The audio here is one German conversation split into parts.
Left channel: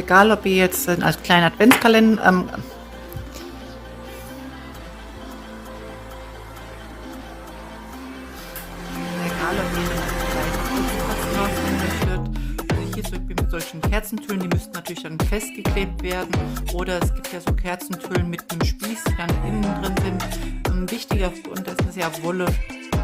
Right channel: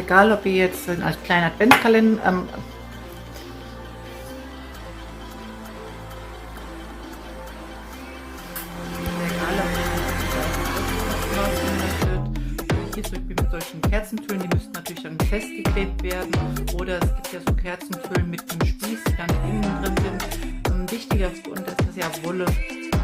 egal ob ihr jetzt als kleinen Adventskalender, mit solchen Kerzentüllen, die müssten natürlich dann festgeklebt werden, oder es gibt ja so Kerzentüllen mit einem Spieß, die dann innen drin sind. Wichtiger, und dass das ja Wolle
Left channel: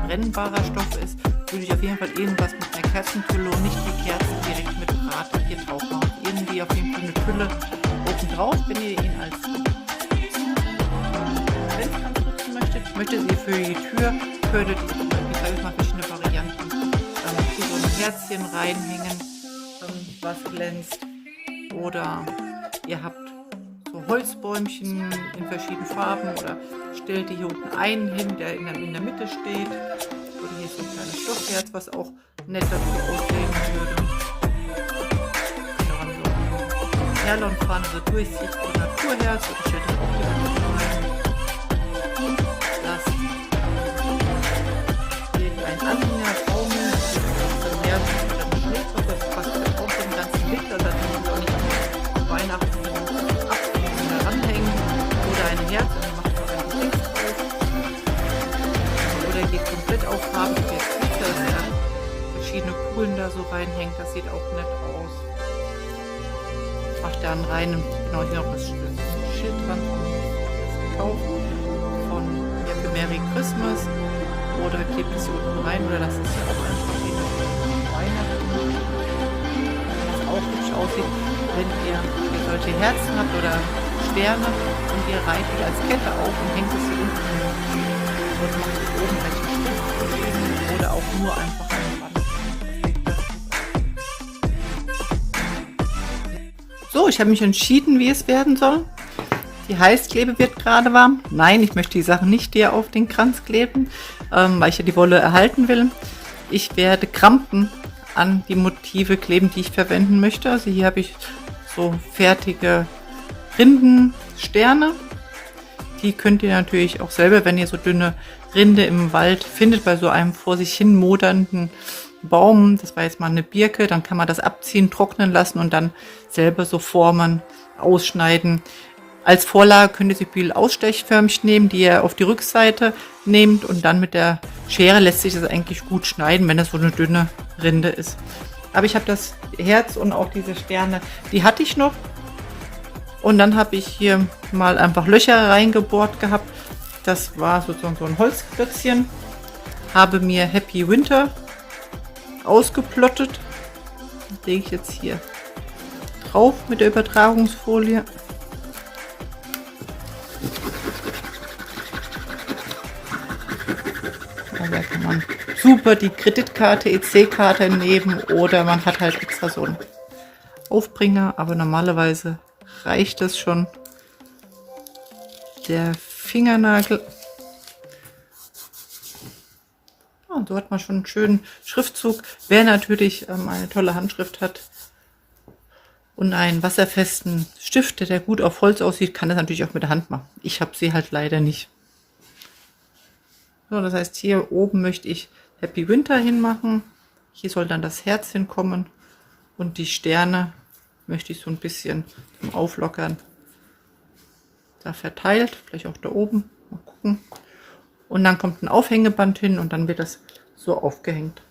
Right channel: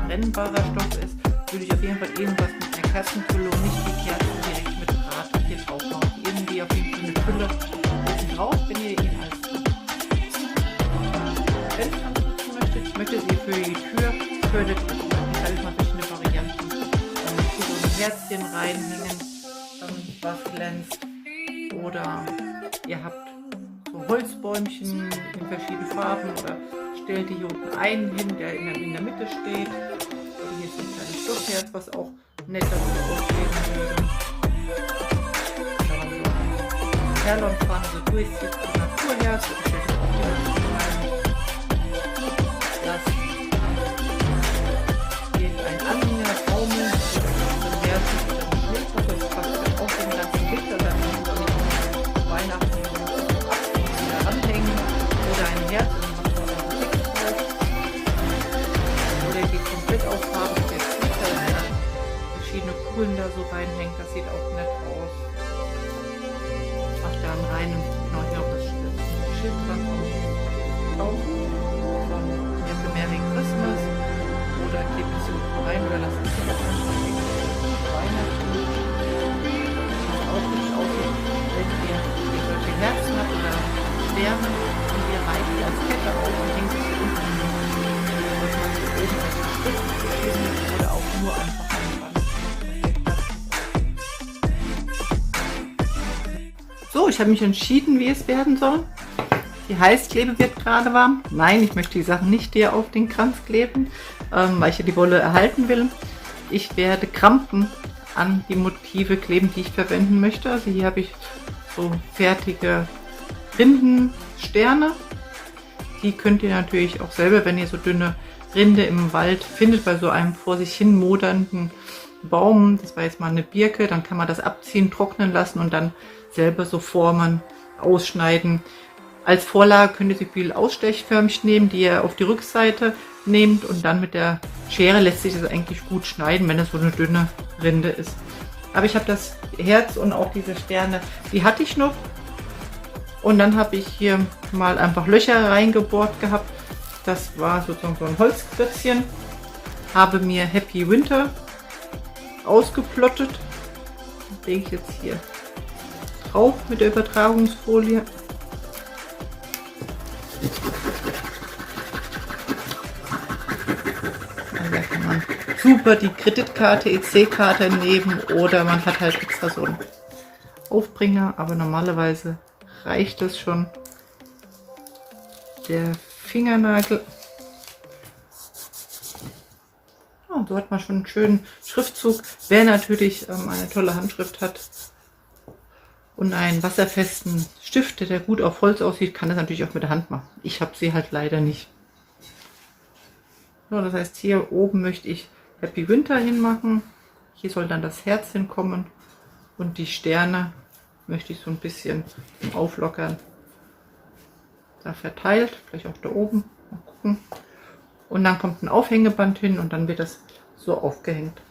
brennbarer Stoff ist, würde ich auf jeden Fall irgendwas mit einer Kerzentülle und nicht die Kerzen direkt mit Draht hier drauf machen. Irgendwie auf jeden Fall eine Tülle oben drauf, wenn ihr ihn als Adventskranz nutzen möchtet. Möchtet ihr für die Tür, könntet ihr, ich sage mal, verschiedene Varianten, hier so ein Herzchen reinhängen, was glänzt, oder ihr habt so Holzbäumchen in verschiedenen Farben, oder stellt die hier unten einen hin, der in der Mitte steht, oder hier ist so ein kleines Stoffherz, was auch nett dazu aussehen würde. Perlonfahren, so durchsichtige Naturherz, das steht auch hier unten rein. Das geht ein Anhänger, Baumel, so Herz, dann Schneekopf, das passt ja auch den ganzen Winter, dann muss man auch nicht nur Weihnachten ab und wieder ranhängen, oder ein Herz und dann macht man ein Gesicht drauf. Oder geht komplett auf Farbe, der Kiefer, der verschiedene Kugeln da so reinhängt, das sieht auch nett aus. Ach, dann rein, genau, hier noch das Schild dran kaufen von für Merry Christmas, oder klebt es hier unten rein, oder das ist hier auch ganz verschieden. Weihnachten, was auch hübsch aussieht, wenn ihr solche Herzen habt oder Sterne und ihr reiht die als Kette auf und hängt es hier unten an. Da wird man hier oben recht schön, oder auch nur einfach an die Wand. So, ich habe mich entschieden, wie es werden soll. Die Heißklebe wird gerade warm. Nein, ich möchte die Sachen nicht hier auf den Kranz kleben, weil ich ja die Wolle erhalten will. Ich werde Krampen an die Motive kleben, die ich verwenden möchte. Also hier habe ich so fertige Rindensterne. Die könnt ihr natürlich auch selber, wenn ihr so dünne Rinde im Wald findet, bei so einem vor sich hin modernden Baum, das war jetzt mal eine Birke, dann kann man das abziehen, trocknen lassen und dann selber so formen, ausschneiden. Als Vorlage könnt ihr so viel Ausstechförmchen nehmen, die ihr auf die Rückseite nehmt, und dann mit der Schere lässt sich das eigentlich gut schneiden, wenn das so eine dünne Rinde ist. Aber ich habe das Herz und auch diese Sterne, die hatte ich noch. Und dann habe ich hier mal einfach Löcher reingebohrt gehabt. Das war sozusagen so ein Holzklötzchen. Habe mir Happy Winter ausgeplottet. Das lege ich jetzt hier drauf mit der Übertragungsfolie. Da kann man super die Kreditkarte, EC-Karte nehmen, oder man hat halt extra so einen Aufbringer, aber normalerweise reicht es schon. Der Fingernagel. Und so hat man schon einen schönen Schriftzug. Wer natürlich eine tolle Handschrift hat und einen wasserfesten Stift, der gut auf Holz aussieht, kann das natürlich auch mit der Hand machen. Ich habe sie halt leider nicht. So, das heißt, hier oben möchte ich Happy Winter hinmachen. Hier soll dann das Herz hinkommen, und die Sterne möchte ich so ein bisschen auflockern. Da verteilt, vielleicht auch da oben. Mal gucken. Und dann kommt ein Aufhängeband hin, und dann wird das so aufgehängt.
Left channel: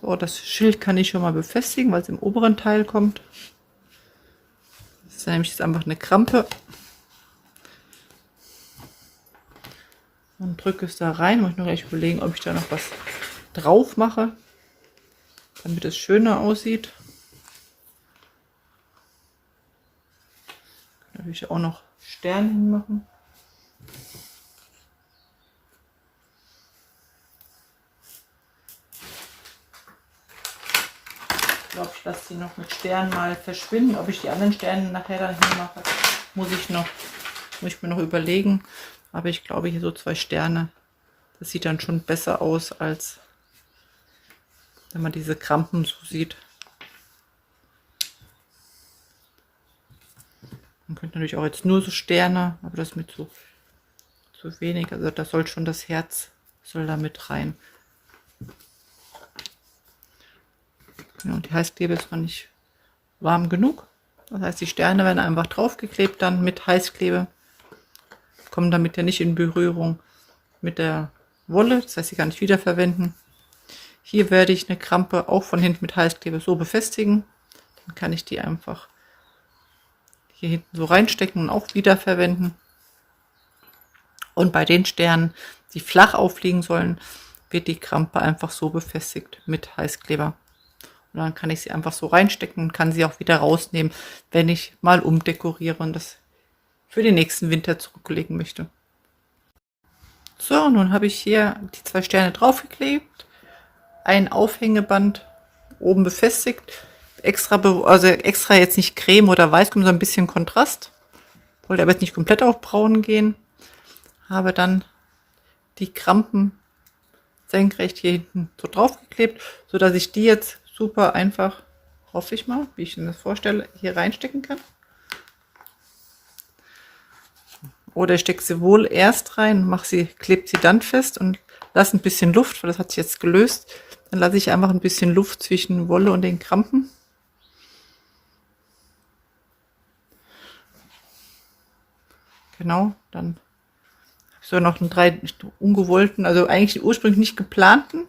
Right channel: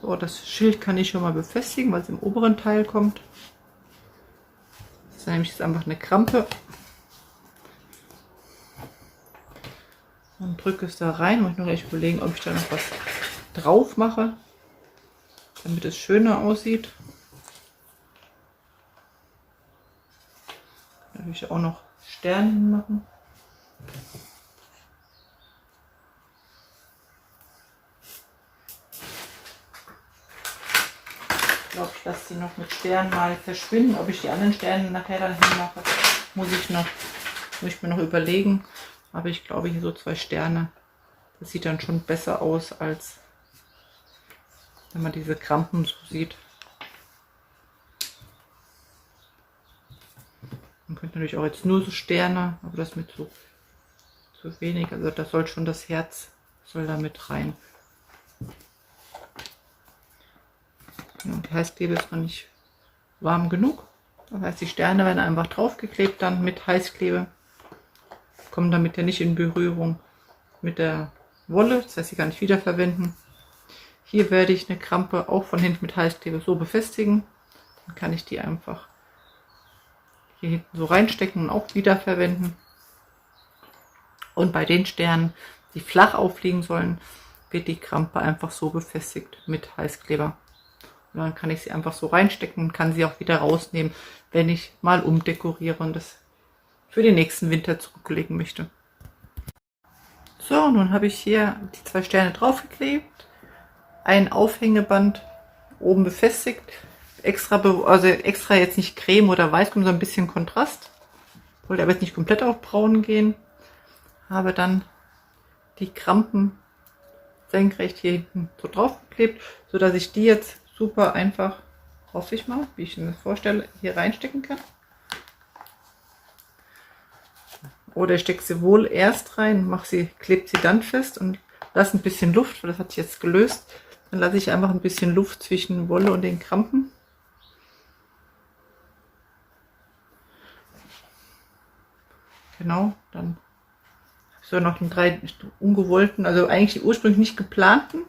So, das Schild kann ich schon mal befestigen, weil es im oberen Teil kommt. Das ist nämlich jetzt einfach eine Krampe. Und drücke es da rein. Ich muss noch gleich überlegen, ob ich da noch was drauf mache, damit es schöner aussieht. Da will ich auch noch Sterne machen. Ich glaube, ich lasse die noch mit Sternen mal verschwinden. Ob ich die anderen Sterne nachher dann hinmache, muss ich mir noch überlegen. Aber ich glaube, hier so 2 Sterne, das sieht dann schon besser aus, als wenn man diese Krampen so sieht. Man könnte natürlich auch jetzt nur so Sterne, aber das mit so wenig. Also da soll schon das Herz, soll da mit rein. Genau, die Heißklebe ist noch nicht warm genug. Das heißt, die Sterne werden einfach draufgeklebt dann mit Heißklebe. Kommen damit ja nicht in Berührung mit der Wolle, das heißt, sie kann ich wiederverwenden. Hier werde ich eine Krampe auch von hinten mit Heißklebe so befestigen. Dann kann ich die einfach hier hinten so reinstecken und auch wiederverwenden. Und bei den Sternen, die flach aufliegen sollen, wird die Krampe einfach so befestigt mit Heißkleber. Und dann kann ich sie einfach so reinstecken und kann sie auch wieder rausnehmen, wenn ich mal umdekoriere und das für den nächsten Winter zurücklegen möchte. So, nun habe ich hier die 2 Sterne draufgeklebt, ein Aufhängeband oben befestigt, extra jetzt nicht Creme oder Weiß, so ein bisschen Kontrast. Wollte aber jetzt nicht komplett auf braun gehen. Habe dann die Krampen senkrecht hier hinten so draufgeklebt, so dass ich die jetzt super einfach, hoffe ich mal, wie ich mir das vorstelle, hier reinstecken kann. Oder ich stecke sie wohl erst rein, klebe sie dann fest und lasse ein bisschen Luft, weil das hat sich jetzt gelöst. Dann lasse ich einfach ein bisschen Luft zwischen Wolle und den Krampen. Genau, dann habe ich so noch einen 3 ungewollten, also eigentlich ursprünglich nicht geplanten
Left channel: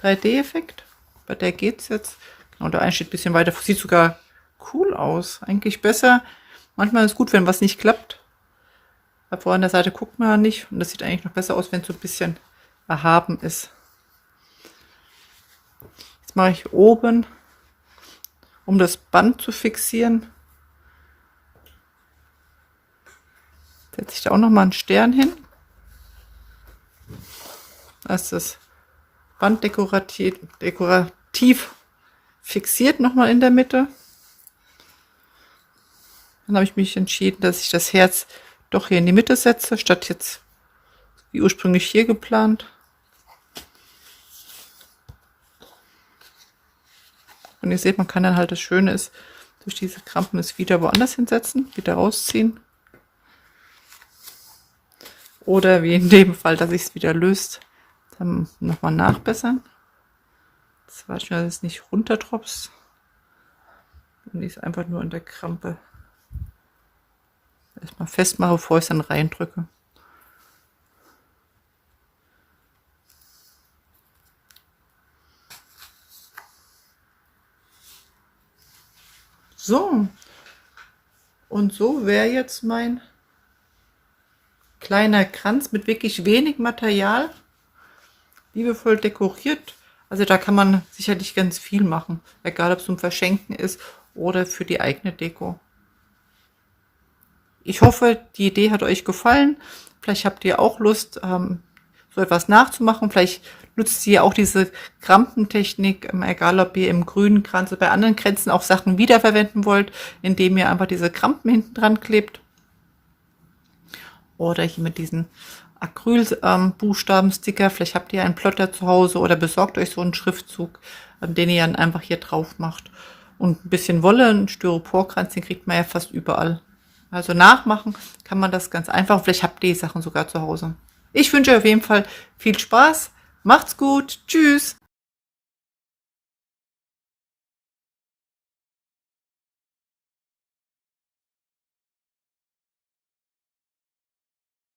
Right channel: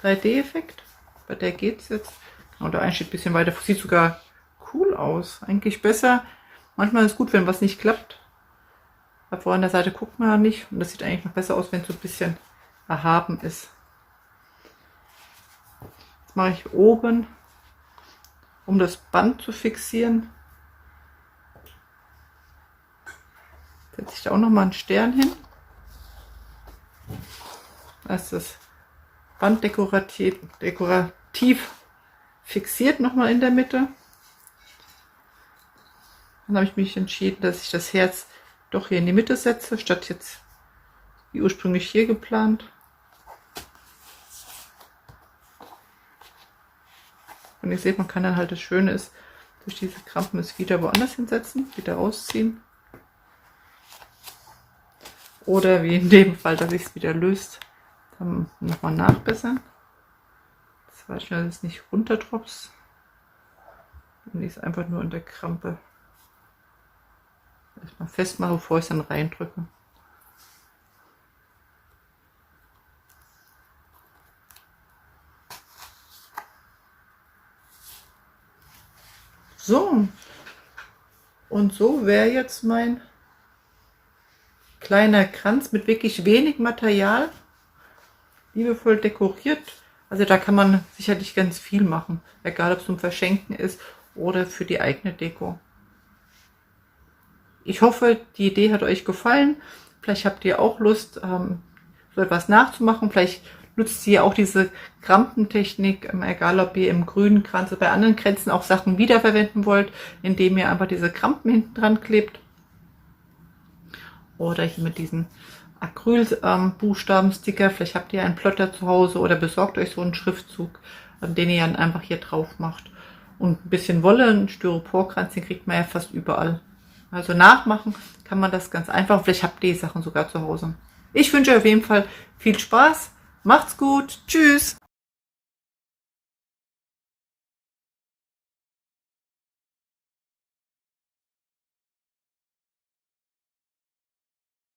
3D-Effekt. Bei der geht es jetzt. Genau, der eine steht ein bisschen weiter, sieht sogar cool aus. Eigentlich besser. Manchmal ist es gut, wenn was nicht klappt. Aber an der Seite guckt man ja nicht. Und das sieht eigentlich noch besser aus, wenn es so ein bisschen erhaben ist. Jetzt mache ich oben, um das Band zu fixieren, setze ich da auch noch mal einen Stern hin. Das ist das Band dekorativ fixiert nochmal in der Mitte. Dann habe ich mich entschieden, dass ich das Herz doch hier in die Mitte setze, statt jetzt wie ursprünglich hier geplant. Und ihr seht, man kann dann halt, das Schöne ist, durch diese Krampen es wieder woanders hinsetzen, wieder rausziehen. Oder wie in dem Fall, dass ich es wieder löst, dann nochmal nachbessern. Das war schon, dass es nicht runtertropft. Und ich es einfach nur in der Krampe erstmal festmache, bevor ich es dann reindrücke. So, und so wäre jetzt mein kleiner Kranz mit wirklich wenig Material, liebevoll dekoriert. Also da kann man sicherlich ganz viel machen, egal ob es zum Verschenken ist oder für die eigene Deko. Ich hoffe, die Idee hat euch gefallen. Vielleicht habt ihr auch Lust, so etwas nachzumachen. Vielleicht nutzt ihr auch diese Krampentechnik, egal ob ihr im grünen Kranz oder bei anderen Kränzen auch Sachen wiederverwenden wollt, indem ihr einfach diese Krampen hinten dran klebt. Oder hier mit diesen Acrylbuchstabensticker. Vielleicht habt ihr einen Plotter zu Hause oder besorgt euch so einen Schriftzug, den ihr dann einfach hier drauf macht. Und ein bisschen Wolle, einen Styroporkranz, den kriegt man ja fast überall. Also nachmachen kann man das ganz einfach. Vielleicht habt ihr die Sachen sogar zu Hause. Ich wünsche euch auf jeden Fall viel Spaß. Macht's gut. Tschüss.